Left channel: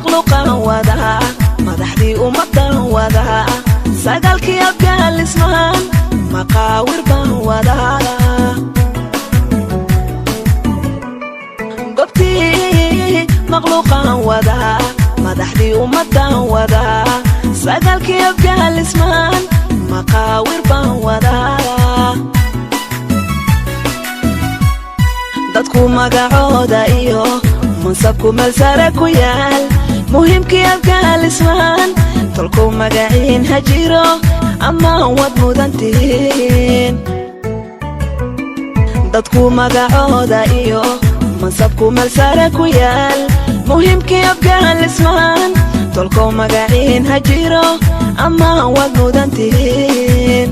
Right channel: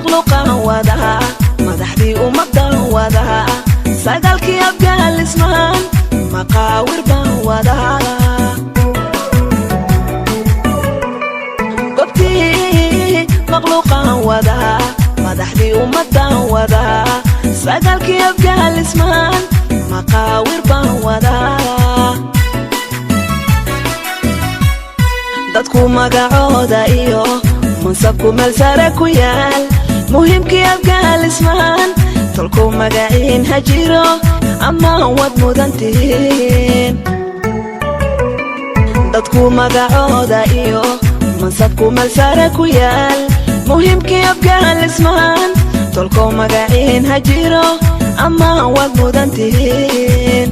مخلوقا وذا مدحدي ومدى وذا سقالك يبقى الاسماء مقاور وذا قبتي مخلوقا وذا مدحدي ومدى وذا سقالك يبقى الاسماء مقاور وذا dadku magacooda iyo mansabku malsara ku yaal muhiimkii abgaal ismaan tolku magaciin ha jiro ama wad mudantiin dadku magacooda iyo mansabku malsara ku yaal muhiimkii abgaal ismaan tolku magaciin ha jiro ama wad mudantiin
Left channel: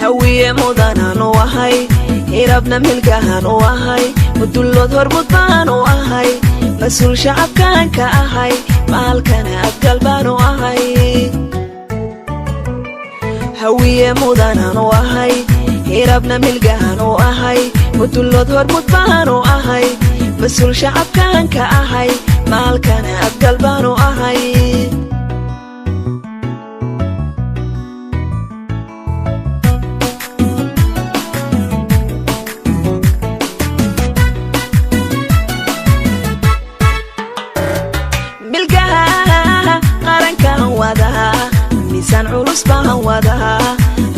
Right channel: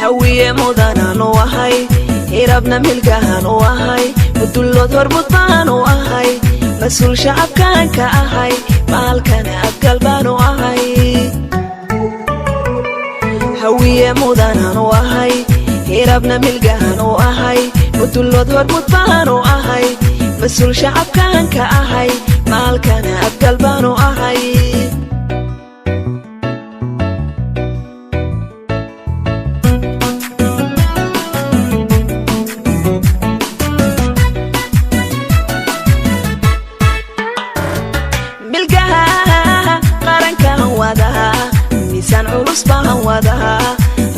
hawiye mudanaan u ahay irabna milgahan u ahay mudullood horbudbaan u ahay mas-uul shacabkaan ka ahay maalkane abgal baan u ahay hawiye mudanaan u ahay irabna milgahan u ahay mudullood horbudbaan u ahay mas-uul shacabkaan ka ahay maalkane abgal baan u ahay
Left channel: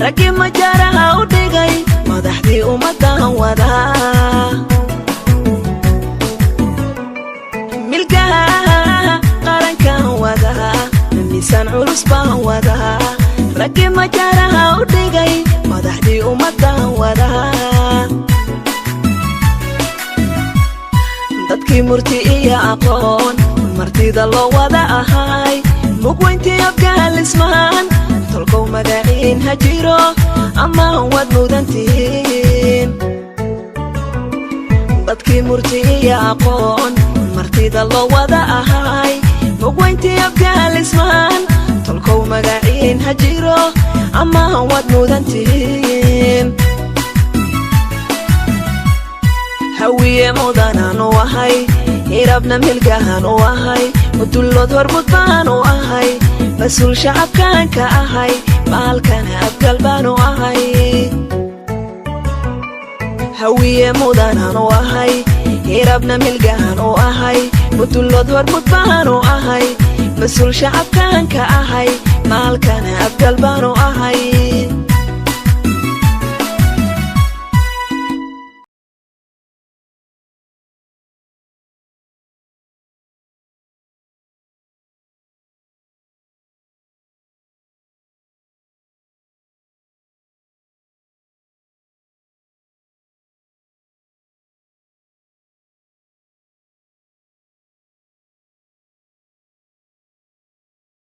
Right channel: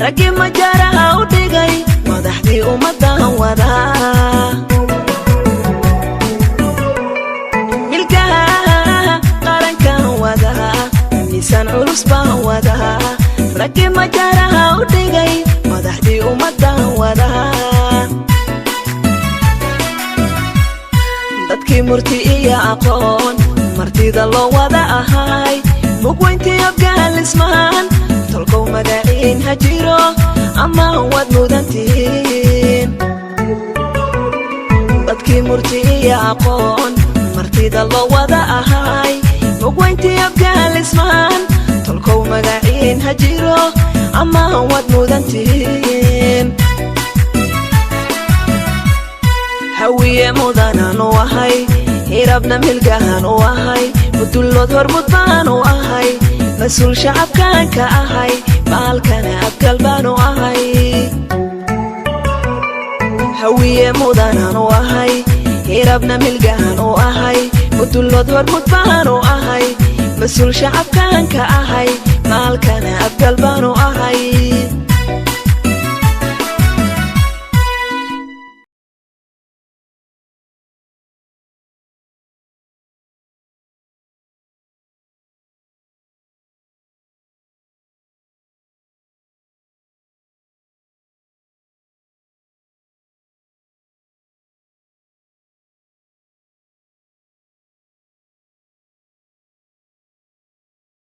ragii majaraha u dhigay madaxdii ummaddan wada milkaha qarankan wada miisaan culus baan wada ragii majaraha u dhigay madaxdii ummaddan wada dadkii murti iyo aqoon martida loo wada ahay mugweyntii abgaal ismaan tolkow magaciin ha jiro ama wad mudantiin dadkii murti iyo aqoon martida loo wada ahay mugweyntii abgaal ismaan tolkow magaciin ha jiro ama wad mudantiin hawiye mudanaan u ahay irabna milgahan u ahay mudullood horbudbaan u ahay mas-uul shacabkaan ka ahay maalkane abgal baan u ahay hawiye mudanaan u ahay irabna milgahan u ahay mudullood horbudbaan u ahay mas-uul shacabkaan ka